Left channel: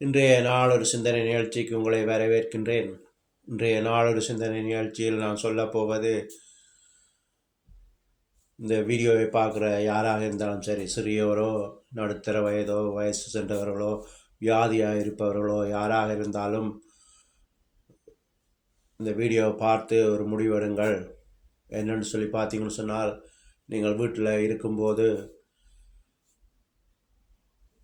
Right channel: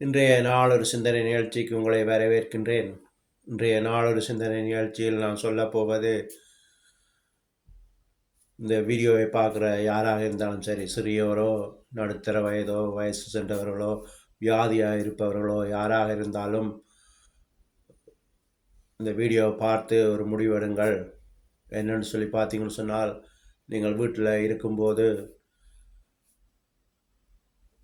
இன்றைய நாளொரு சிந்தனை நிகழ்ச்சிக்கு உங்களை வரவேற்கின்றேன். இன்றைய நாளொரு சிந்தனை நிகழ்ச்சியில் நான் சொல்லப்போவது, இந்த வீடியோவை பார்க்குற யாராக இருந்தாலும் சரி, சிறியோரோ நடுத்தர வயதோ வயசு சென்றவர்களோ வியாதியாக இருப்பவர்களோ யாராக இருந்தாலும் இந்த வீடியோவை பார்த்து ஒரு முடிவெடுங்கள். என்னென்னு சொல்லி பார்த்தீங்கன்னு சொன்னால், நீங்கள் வீட்டில் இருக்கும்போது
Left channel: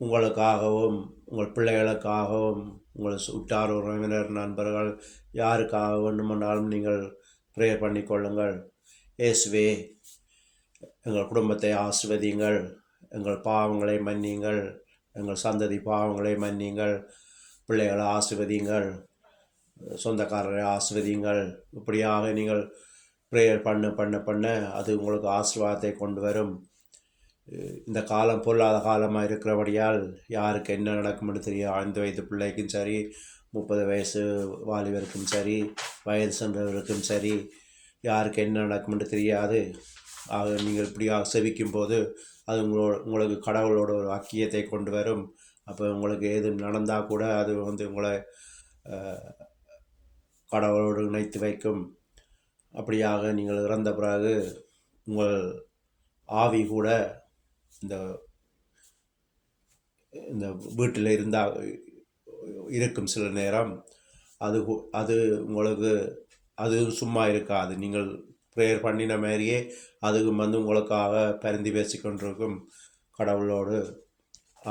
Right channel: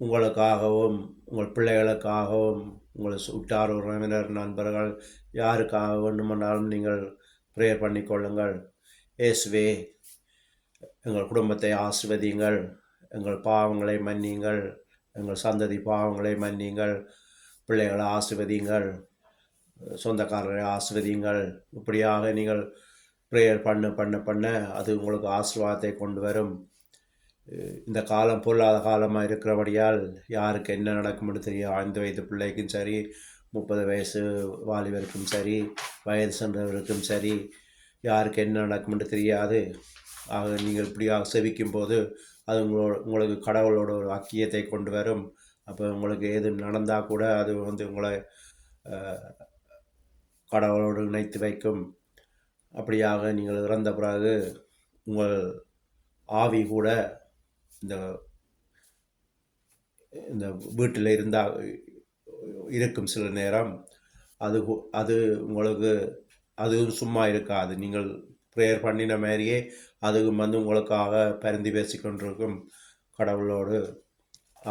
உங்களுக்காகவும் உங்கள் பிள்ளைகளுக்காகவும் உங்கள் உற்றார் உறவினர் நண்பர்கள் யாருக்காக வேண்டுமானாலும் நீங்கள் ப்ரேயர் பண்ணிக்கொள்ளுங்கள். இயேசுவே, எங்கள் குடும்பத்தை ஆசிர்வதியுங்கள், எங்கள் பாவங்களை மன்னியுங்கள், எங்கள் சந்ததி பாவங்களை மன்னியுங்கள், பிள்ளைகளை ஆசிர்வதியுங்கள், சொந்தக்காரரை ஆசிர்வதியுங்கள். இப்படியாக நீங்கள் ப்ரேயர் பண்ண அது உங்களுக்கு ஆசீர்வாதத்தை கொண்டு வரும். இந்த காலம் பொல்லாத காலமாக இருக்கிறபடியால் யாருக்கு என்ன நடக்கும்னு தெரியும். 5 வயது பிள்ளைக்கும் சரி, 30 வயசு வாலிபருக்கும் சரி, வயது சென்றவருக்கும் சரி, யாருக்கு என்ன நடக்கும்னு தெரியாது. ஆக நீங்கள் இப்படியாக செவிக்கும் போது அது உங்களுக்கு கடவுளோட ஒரு வாக்கியத்தை கொண்டு வரும். அப்போ உங்களுக்கு எது நடந்தால் கூட அது உங்களை கடவுளோடு இணைத்து வைக்கும். அப்படியாக நீங்கள் இறந்த பிறகு உங்கள் ஆவி கூட இந்த இந்த வீட்டில் இருந்தால் இருக்கும் சில நேரம். அது உங்களுக்கு அது சும்மா இருக்காது. நீங்கள் ப்ரேயர் பண்ணின மாதிரியே அதுவும் உங்களுக்காக பரிந்து பேசிக்கொண்டிருக்கும் கடவுளோடு.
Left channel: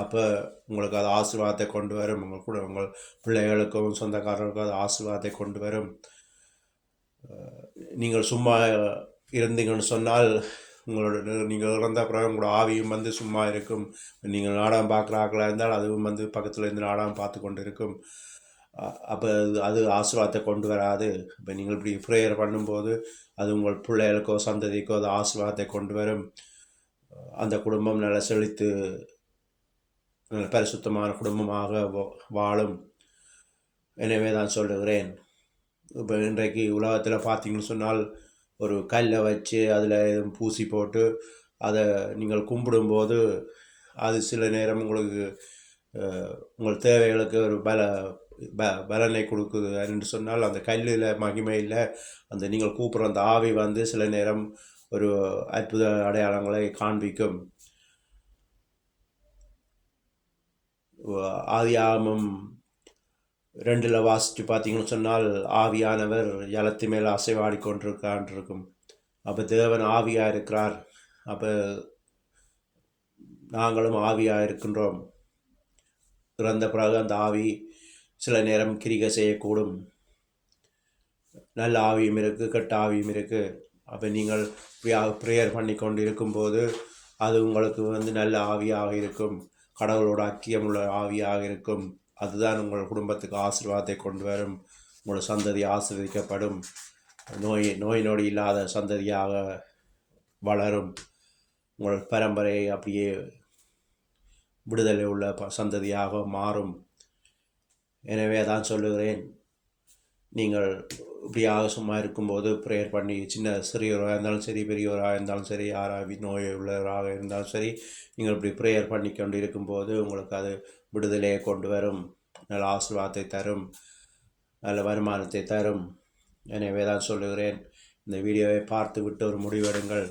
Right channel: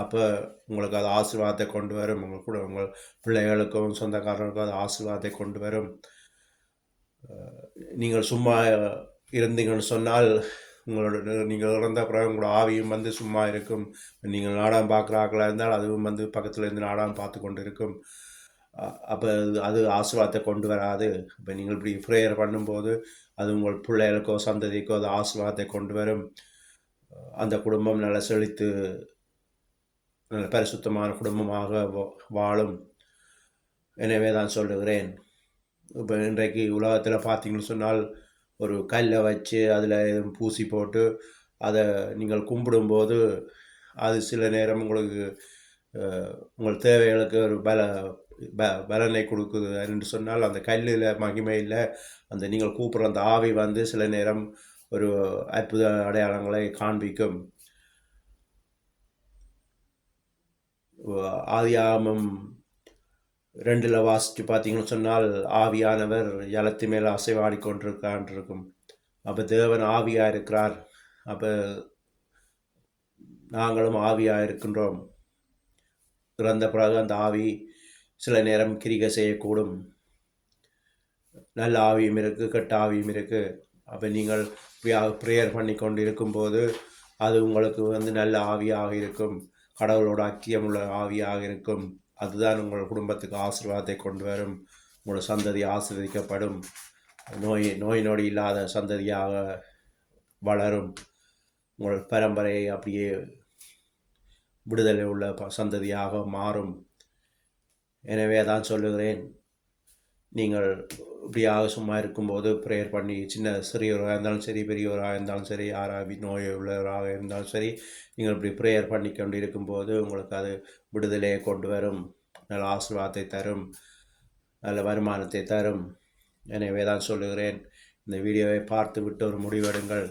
அப்போ உங்களுக்கு அது ஆசீர்வாதத்தை கொண்டு வரும். உங்கள் பிள்ளைகளுக்கும் சொந்தக்காரர்களுக்கும் அது ஆசீர்வாதத்தை கொண்டு வரும். நீங்கள் சும்மா இருந்தீங்கன்னு சொன்னால் நீங்கள் இறந்த பிறகு உங்களோட ஆவியும் சும்மா இருக்கும். நீங்கள் நாடகம் பார்க்குறாங்களா இருந்தால் அதுவும் பக்கத்தில் இருந்து நாடகம் பார்த்து கொண்டு இருக்கும். அப்போ அது ஆசீர்வாதத்தை கொண்டு வராது. இப்போ நீங்கள் இப்படி ப்ரேயர் பண்ணும்போது அது உங்கள் பிள்ளைகளுக்கோ சந்ததிக்கோ அது ஆசீர்வாதத்தை கொண்டு வரும். அந்த குடும்பம் நல்ல செழித்து நல்ல பரிசுத்தமான குடும்பமாக வாழும். எனவே தான் சொல்லுகிறேன். இப்போ இன்றைக்கு உலகத்தில் பார்த்தீங்கன்னு சொன்னால், ஒரு கல்லை வச்சு அதில் பூசி போட்டு அதை நீங்கள் கும்பிடும்போது அது சில நேரம் உங்களுக்கு உங்கள் தேவைகளுக்கு ஒரு பலனை கொடுக்குது என்று சொன்னால், அந்த கல்லில் மகிமை இல்லை. அந்த நீங்கள் கூப்பிட்ற அந்த ஆவி சில நேரம் ஒரு அற்புத அடையாளங்களை காண்பிக்கும். ஆதியாகமம் 2 வாசித்து பார்த்தீங்கன்னு சொன்னால், ஆவியானவர் ஜலத்து மேல் அசைவாடி கொண்டிருக்கான் இருக்கும். அப்போ தேவன் ஆவியாக இருக்கிறார். அப்போ நாங்களும் ஆவியாக இருக்கின்றோம். இறந்த பிறகு அந்த ஆவி சில நேரம் கிரிகை செய்யக்கூடும். நல்ல ஆவியும் இருக்குது, கெட்ட ஆவியும் இருக்குது. அப்போ நீங்கள் ப்ரேயர் பண்ணி கொண்டு இருக்கும்போது அது உங்களுக்கு நல்ல ஆவியாக இருக்கும், கடவுளோட ஐக்கியமுள்ள ஆவியாக இருக்கும். அதுதான் உங்கள் குடும்பத்துக்கு ஆசீர்வாதத்தை கொண்டு வரும். உங்களோட சந்ததி ஆசீர்வதிக்கப்படும். நோய் நொடி இல்லாத சந்ததியாக வளரும். உங்கள் பரம்பரை அப்படியே விடுதலை உள்ள சந்ததியாக மாறும். எனவே தான் சொல்லுகிறேன், நீங்கள் இப்படியாக சும்மா இருக்கும்போது ப்ரேயர் பண்ணி, சிறியவராக இருந்தாலும் சரி, பெரியவராக இருந்தாலும் சரி, யாராவது நோய் உள்ளவராக இருந்தாலும் சரி, நீங்கள் இப்படி ப்ரேயர் பண்ணி கொண்டு இருக்கும்போது உங்களுக்கு அது விடுதலையை கொண்டு வரும், நல்ல ஆசீர்வாதத்தை தரும், நல்ல வருமானத்தை தரும். எனவே தான் சொல்லுகிறேன், இந்த வீடியோவை பார்த்து விட்டு ஒரு முடிவெடுங்கள்.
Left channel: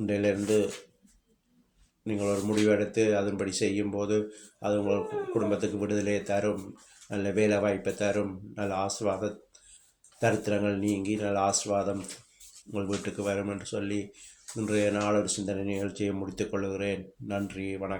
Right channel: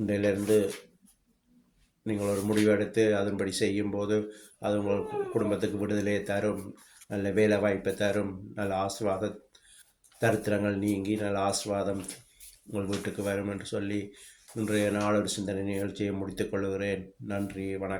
இன்றையிலிருந்து நீங்கள் ஒரு முடிவெடுத்து அதன்படி செய்யும்போது அது உங்கள் குடும்பத்துக்கு விடுதலையை தரும், நல்ல வேலை வாய்ப்பை தரும், நல்ல ஆசீர்வாத தரித்திரங்கள் நீங்கி நல்ல ஆசீர்வாதம் உங்கள் வீட்டுக்கு வரும் என்று சொல்லி இன்றைய நாளொரு சிந்தனை நிகழ்ச்சியை முடித்துக் கொள்கிறேன். நன்றி, வணக்கம்.